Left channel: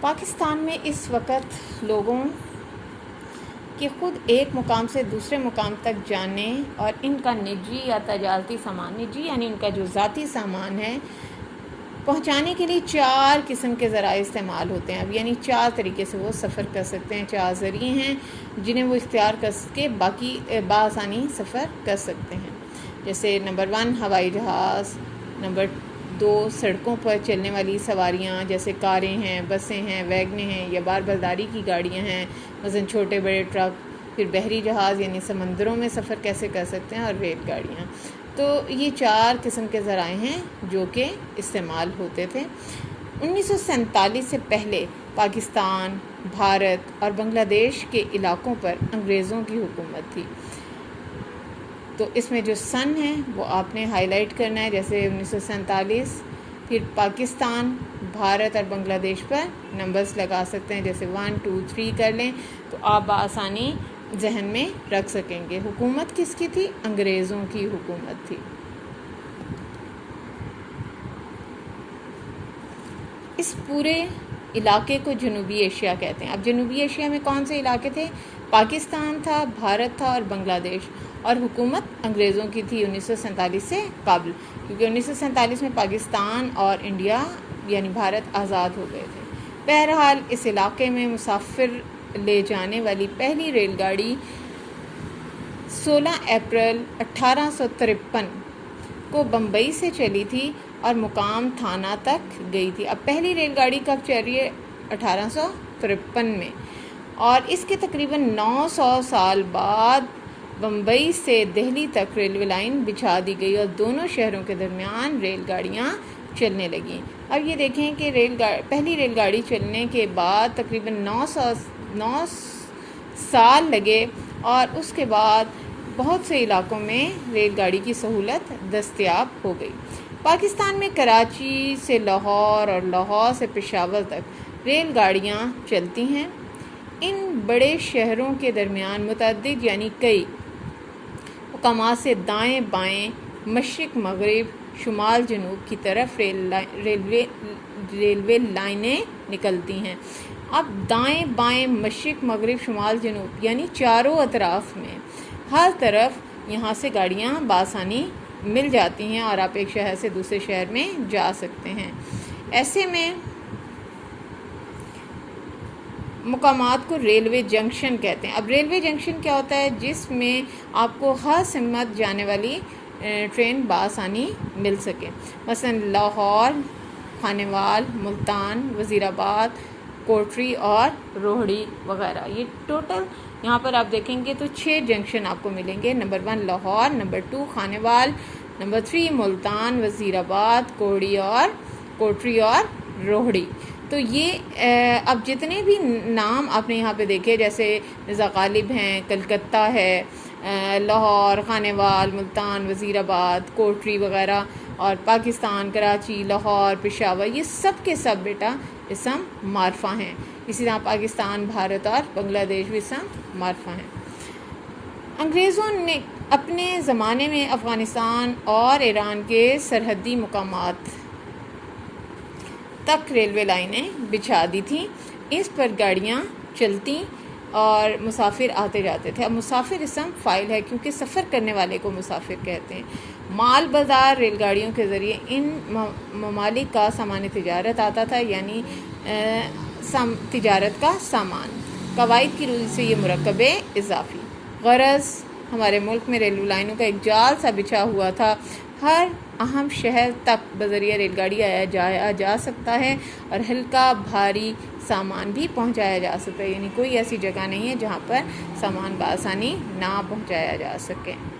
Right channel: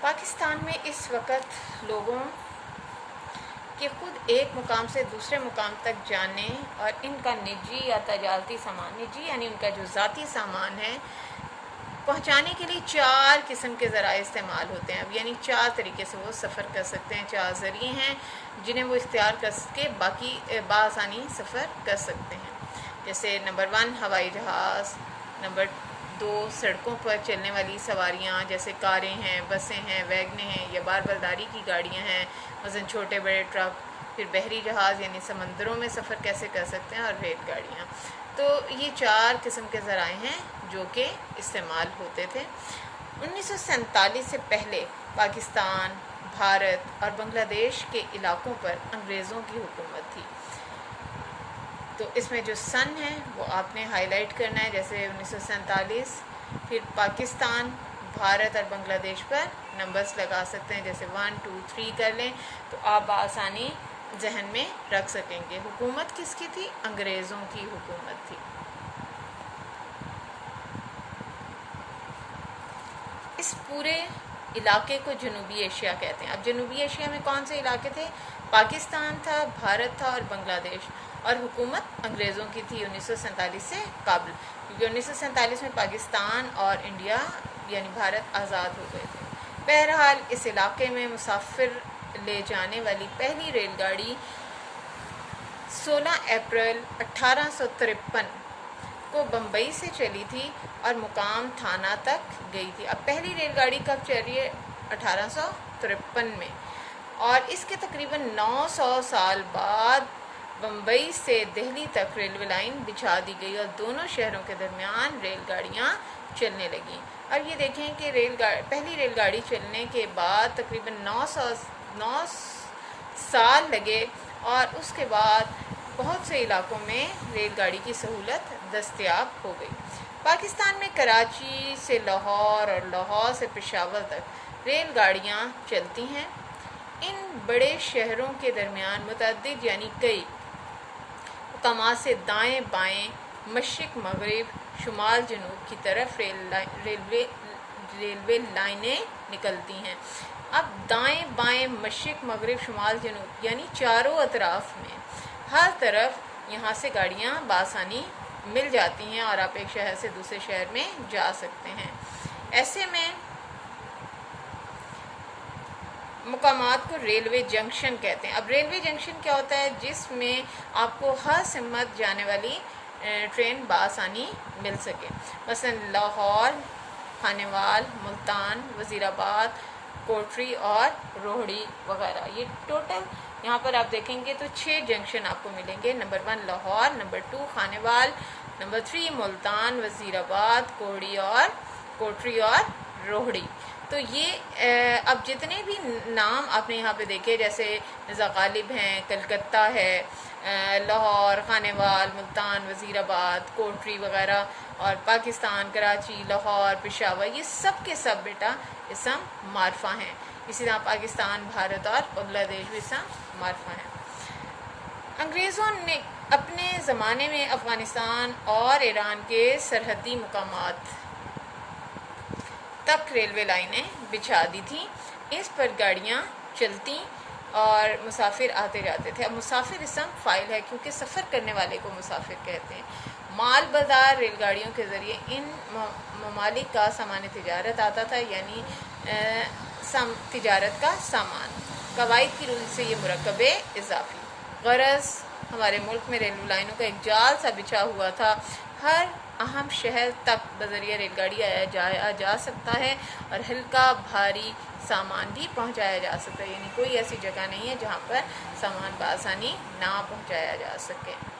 پاکستان میں اس وقت لوگوں کہ خود ایک مقام سے دوسرے مقام تک جانے اور ان کا نجی یا تجارتی سامان، نجی یعنی ان کا جو ذاتی سامان ہے، پہنچانے کے لیے 4 قسم کے ذرائع استعمال ہوتے ہیں. اب یعنی 4 طریقے سے وہ سفر کر سکتے ہیں، 4 ذریعے ہیں جنہیں وہ اختیار کر کے باقی بآسانی سفر کر سکتے ہیں. جیسے نمبر 1 ہوائی جہاز، نمبر 2 سڑکوں پر چلنے والی سواریاں جیسے کاریں ہیں، بسیں ہیں، ویگنیں ہیں یا بار برداری کی گاڑیاں ہیں، مثلا چھوٹے بڑے ٹرک. پھر بحری جہاز یعنی سمندروں میں سفر کیسے کر سکتے ہیں، اور ریل گاڑیاں. تو یہ 4 قسم کے ذرائع ہیں جو کہ استعمال ہوتے تھے. 1947 سے پہلے پاکستان، بھارت اور بنگلہ دیش کے علاقوں پر انگریزوں کی حکومت تھی. تو اس میں جو سن ہے وہ آپ نے ہائی لائٹ کرنا ہے، جیسے 1947. پھر پاکستان، بھارت اور بنگلہ دیش پر نمبرز لگا سکتے ہیں، جیسے 1 2 3 کر لیں تو آپ بآسانی ذہن میں رکھ سکیں گے. حکومت کس کی تھی؟ انگریزوں کی حکومت تھی. اس پورے علاقے کو جنوبی ایشیا کہتے ہیں. اب جنوبی ایشیا میں کون سے علاقے تھے؟ پاکستان تھا، بھارت تھا اور بنگلہ دیش، اور حکومت انگریزوں کی تھی 1947 سے قبل، کیونکہ 1947 میں پاکستان اور انڈیا یعنی بھارت آزاد ہو گئے تھے. بہرحال اس علاقے میں مسافر لے جانے والی پہلی ریل گاڑی 16 اپریل 1853 کو بمبئی سے چلی تھی اور مقام تھانہ تک گئی تھی. اب پہلی ریل گاڑی کب چلی ہے؟ 1853 میں. اور اس کے تقریباً 900 سال بعد بمبئی سے دہلی تک ریلوے لائن بچھا دی گئی اور دونوں شہروں کے درمیان ریل گاڑیاں چلنے لگیں. اب یہ دیکھیں کہ پہلی ریل گاڑی چلنے کے بعد تقریباً 9 سال لگے اور اس کے بعد بہت سے علاقوں میں ریل گاڑی کی سہولت دستیاب ہو گئی. پاکستان میں کراچی سے لاہور اور لاہور سے پشاور تک ریل گاڑیاں چلتی ہیں. ان بڑے شہروں کے درمیان متعدد یعنی کئی مقامات سے دائیں بائیں، مشرق مغرب، شمال جنوب کی طرف ریلوے لائنیں نکلتی ہیں. اب دائیں بائیں، مشرق مغرب، شمال جنوب یعنی چاروں اطراف میں ہر طرف یہاں سے گاڑیاں بآسانی مل جاتی ہیں اور آپ ایک شہر سے دوسرے شہر میں جا سکتے ہیں. ایسے میں مقامات کو ریلوے جنکشن کہتے ہیں. اب ریلوے جنکشن کیا ہوتا ہے؟ جس میں آپ کو ہر سمت جانے والی ٹرین بآسانی مل سکے. مثلا لاہور، خانیوال، ملتان، وزیر آباد، کوٹری اور روہڑی وغیرہ. یہ ٹوٹل یہاں پر آپ دیکھیں گے تو 6 جنکشن آپ کو ملیں گے. Number 1 Lahore, number 2 Khanewal, number 3 Multan, وزیر آباد، کوٹری اور روہڑی. تو یہ اب جتنے بھی نام آپ نے یہاں پہ دیکھے، جیسے مرزا غالب ہیں، کلکتہ ہے، لاہور، خانیوال، ملتان، وزیر آباد، کوٹری وغیرہ، اور پاکستان، کراچی، لاہور، پشاور، یہ سب کے سب بیٹا اسم معرفہ ہیں. اسی طرح پاکستان، بھارت اور بنگلہ دیش بھی اسم معرفہ ہیں. انگریزوں نے اپنے زمانے میں افغانستان اور ایران کے سرحدی مقامات تک ریلوے لائنیں بچھا دی تھیں. اس پر گاڑیاں چلتی اور مسافر آتے جاتے تھے. اب مسافر اسم فاعل ہے کیونکہ سفر کرنے والے کو مسافر کہتے ہیں. مال بازار ریل گاڑیوں کے ذریعے ان ممالک کا سامان تجارت آتا تھا، یعنی تجارت کا سامان. قواعد کی روح سے یہ مرکب اضافی. غرض ہمارے ملک میں ریلوے لائنوں کا ایک جال سا بچھا ہوا تھا. ہر اہم شہر تک بذریعہ ریل گاڑی آیا جا سکتا ہے اور ہلکا بھاری سامان بھی پہنچایا جا سکتا ہے. یعنی کوئی ایسی جگہ نہیں ہے جہاں پر سامان بآسانی نہ پہنچایا جا سکے.